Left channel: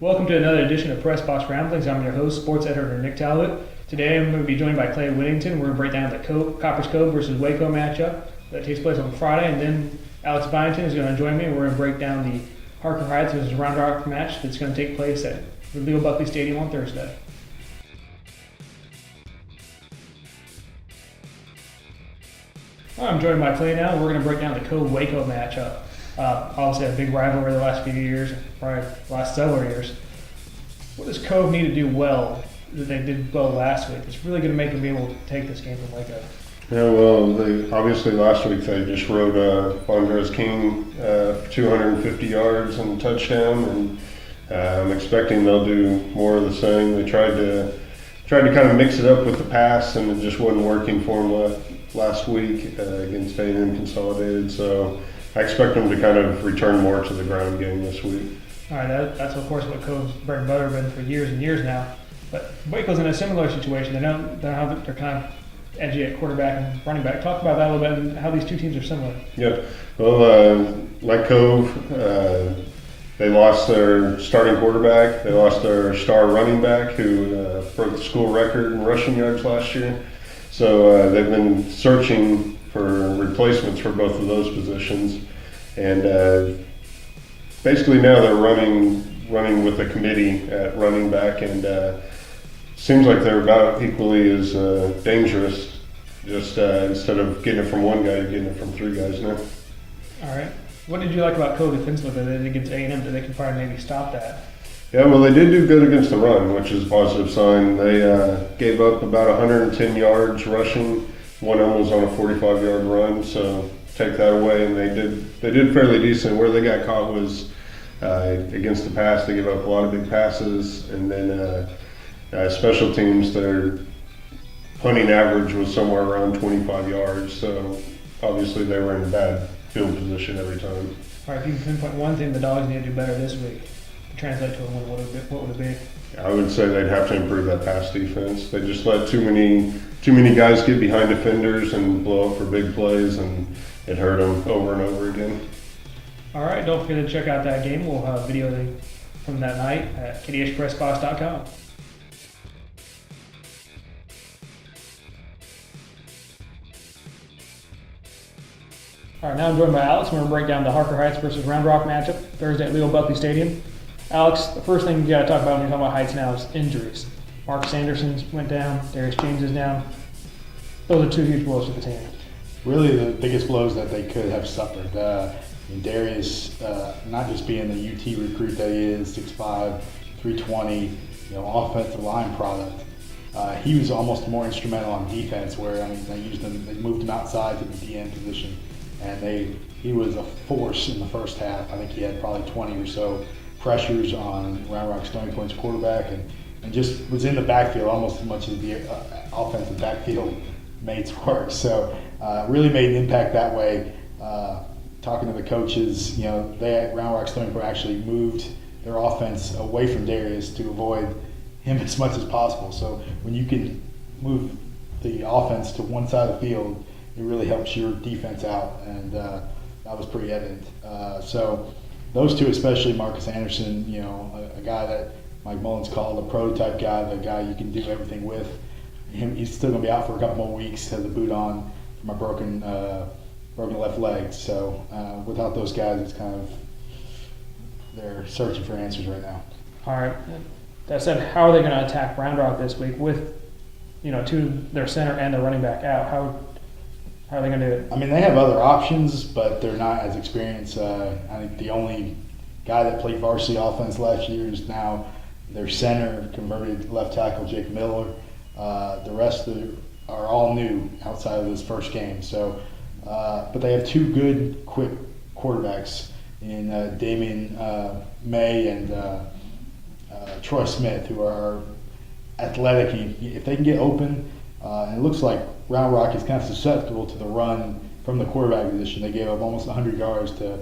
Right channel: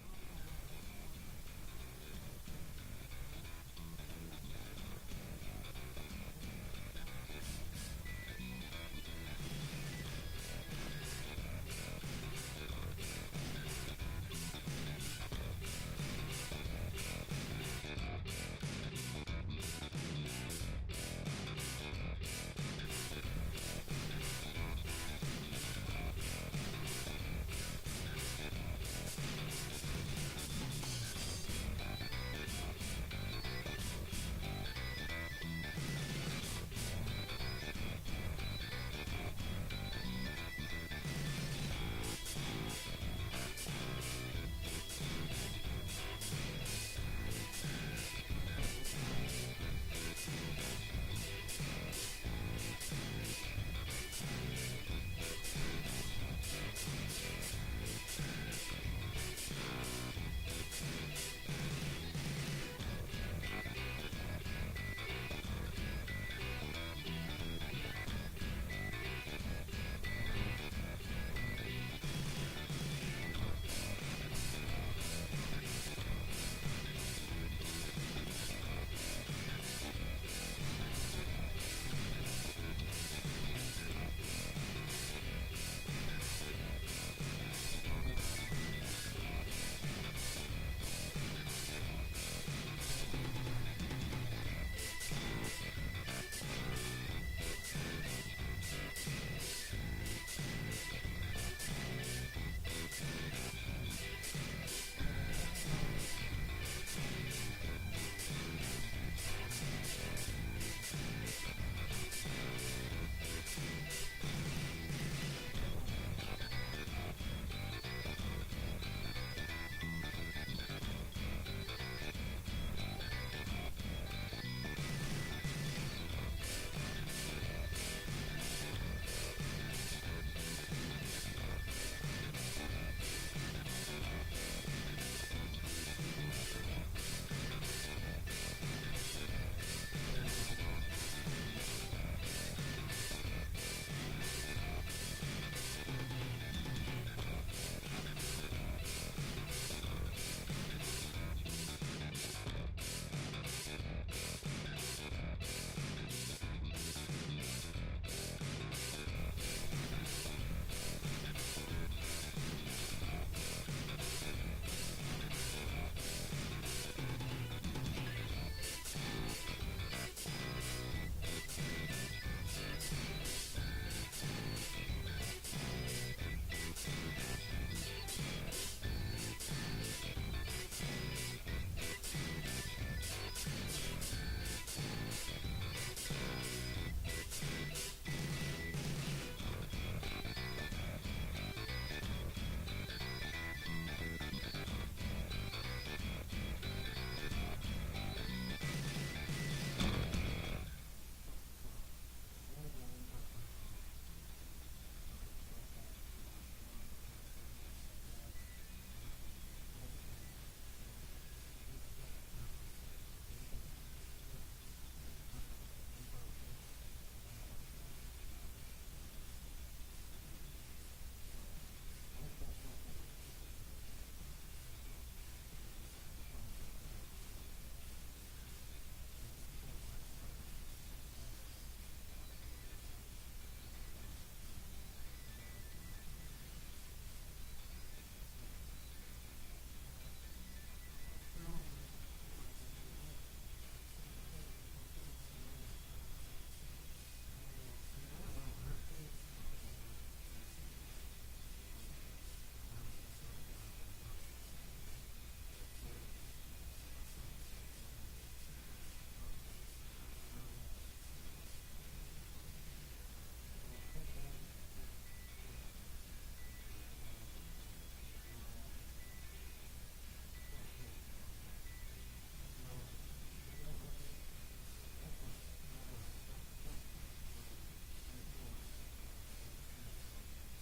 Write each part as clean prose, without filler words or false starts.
Welcome to another edition of Pressbox Ramblings. I'm your host, sports editor Nick Talbot. Today I'm going to be joined by Clay Wittington. We're going to break down the Copperas Cove versus Waco matchup that takes place on Friday, and then Alex Byington is going to join me. We're going to break down the Harker Heights versus Round Rock match that's going to take place at the Leo Buckley Stadium on Thursday. I'm joined by Clay now. We're going to break down the Cove Waco matchup. Obviously a big rivalry the last few years, probably the last several years. What does Cove need to do well that they did well last week? It's really going to make them be able to take this game from Waco. Yeah, well, obviously last week they just rode Andres King 250 yards and a touchdown, and I'm expecting they'll do more of the same. They tried to kind of mix it up with the pass, and it just wasn't working for them last week against A&M Consolidated. So I expect them to kind of return more to the ground game this week. All right, that's of course what Cove's bread and butter has been for years and years now. But Waco's in a similar situation. They're kind of edgy at quarterback and running back. Talk about that a little bit and how these two teams are similar. Yeah, well, like Cove, they lost their starting quarterback. They lost their star running back who broke the school record in rushing yards last year. So they've been searching for replacements for both of those positions, and basically now they're running with a committee at running back, and seems like they're about equally as dangerous. Just instead of getting it from one guy, you're getting it from three guys now. All right. What did you like about Cove defensively that against A&M that they can probably maybe stop that? Yeah, well, they did do good against the run, which is a positive sign. They gave up about 110 yards rushing. One of them was on a 45-yard run, so take that away, and they did fairly decent. Where they got caught was against the pass. They gave up a lot of big passes, and then special teams, their punting average was somewhere around 25 yards, so obviously they were in bad field position every time. All right, if you can pinpoint one thing the Dogs need to do better this week, translate to what would it be? I would say they'd have to improve that pass defense. They just let too many guys get behind defenders and blow up for big plays, and it hurt them over and over again. All right, don't forget to check out that game. We'll have video from that night at kdhpressbox.com. All right, now I'm joined by Alex. We're going to break down the Harker Heights versus Round Rock matchup Thursday at Leo Buckley Stadium. Alex, the first thing you got to talk about when you're talking about Heights now is injuries. Mark Sanderson went down, Darius James is down. Those are two huge blows to the team. Really the biggest blows that they could have suffered. And Darius, not just being the UT recruit that he is, 6'5", 320, offensive line product. He was almost more instrumental on defense, where they moved him outside to the DN position, and he was a force in the first half. I think he had probably 20 or so pressures on Round Rock Stony Point's quarterback, and just was in the backfield almost as much as the offensive backfield mates were. So really made an impact that way. Talking to the coaches, they at Round Rock Stony Point actually moved their offense away from Darius to avoid him as much as possible. So when you can move the offense to one side of the field, it really helps your defense out, and that was pretty evident. So those two, especially Marcus Anderson, a guy that Mike Mullins called a prototype guy, the guy you can do everything with. He's still going to be out for a couple more weeks, has a boot on from a broken left leg. So without those guys, it's kind of, they're searching for answers right now. All right. That said, how are they going to attack Round Rock this week with, their center and their running back out? How are they going to do it? I mean, they have other options, but they're not as experienced. I think the only guy that played varsity offense last year is now their center, converted left tackle, Jake Miller. The rest are all new outside of this first game. So, but they have two good, quick quarterbacks in Damian May and Troy Smith, who are athletic. If they can get open, and it looks like Round Rock is kind of susceptible to the run from the quarterback position. They gave up almost 100 yards to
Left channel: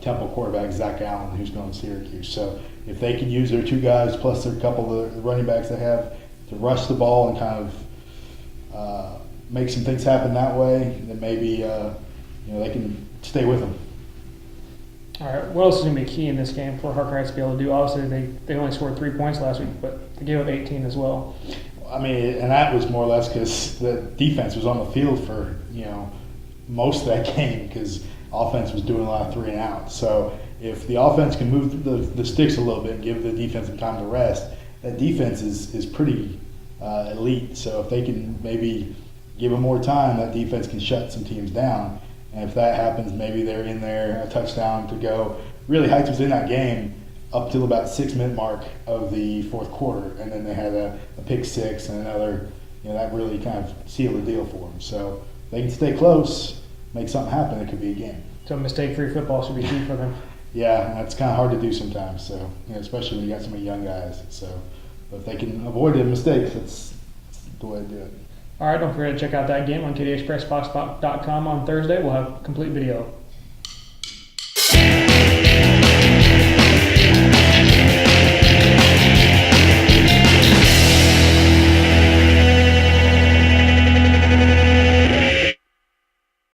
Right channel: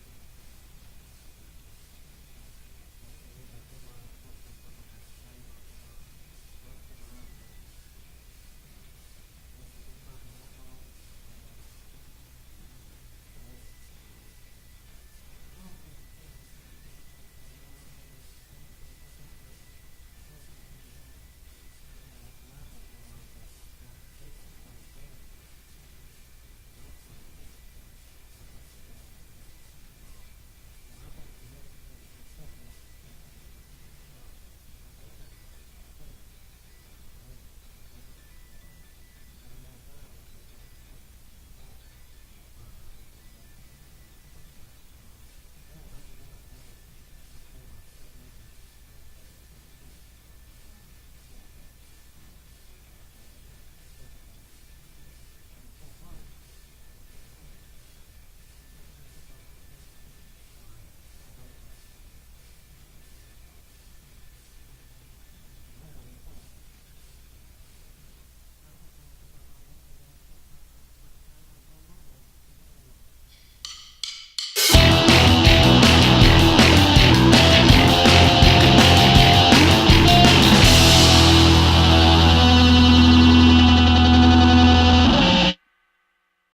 Temple quarterback Zach Allen, who's going to Syracuse. So if they can use their two guys plus their couple of the running backs they have to rush the ball and kind of make some things happen that way, then maybe they can stay with them. All right, what else is going to be key in this game for Harker Heights to be able to do? Obviously, they only scored 3 points last week, but they gave up 18 as well. I mean, and that was more or less because the defense was on the field for, most of that game because offense was doing a lot of 3 and out. So if the offense can move the sticks a little bit and give the defense some time to rest, that defense is pretty elite. So if they can maybe give them more time, that defense can shut some teams down. And if that happens, maybe they're in there, a touchdown to go. Really, Heights was in that game up till about 6-minute mark of the fourth quarter, and then they had a pick six and another, that really kind of sealed the deal for them. So if they can stay close, make something happen, it could be a game. So mistake-free football should be key for them. Yeah, that's kind of hard to do sometimes. So especially when you got so many young guys. So but if they can avoid the mistakes, that's the way to do it. All right, don't forget to check out that game on KDHPressbox.com on Thursday. We'll have complete video.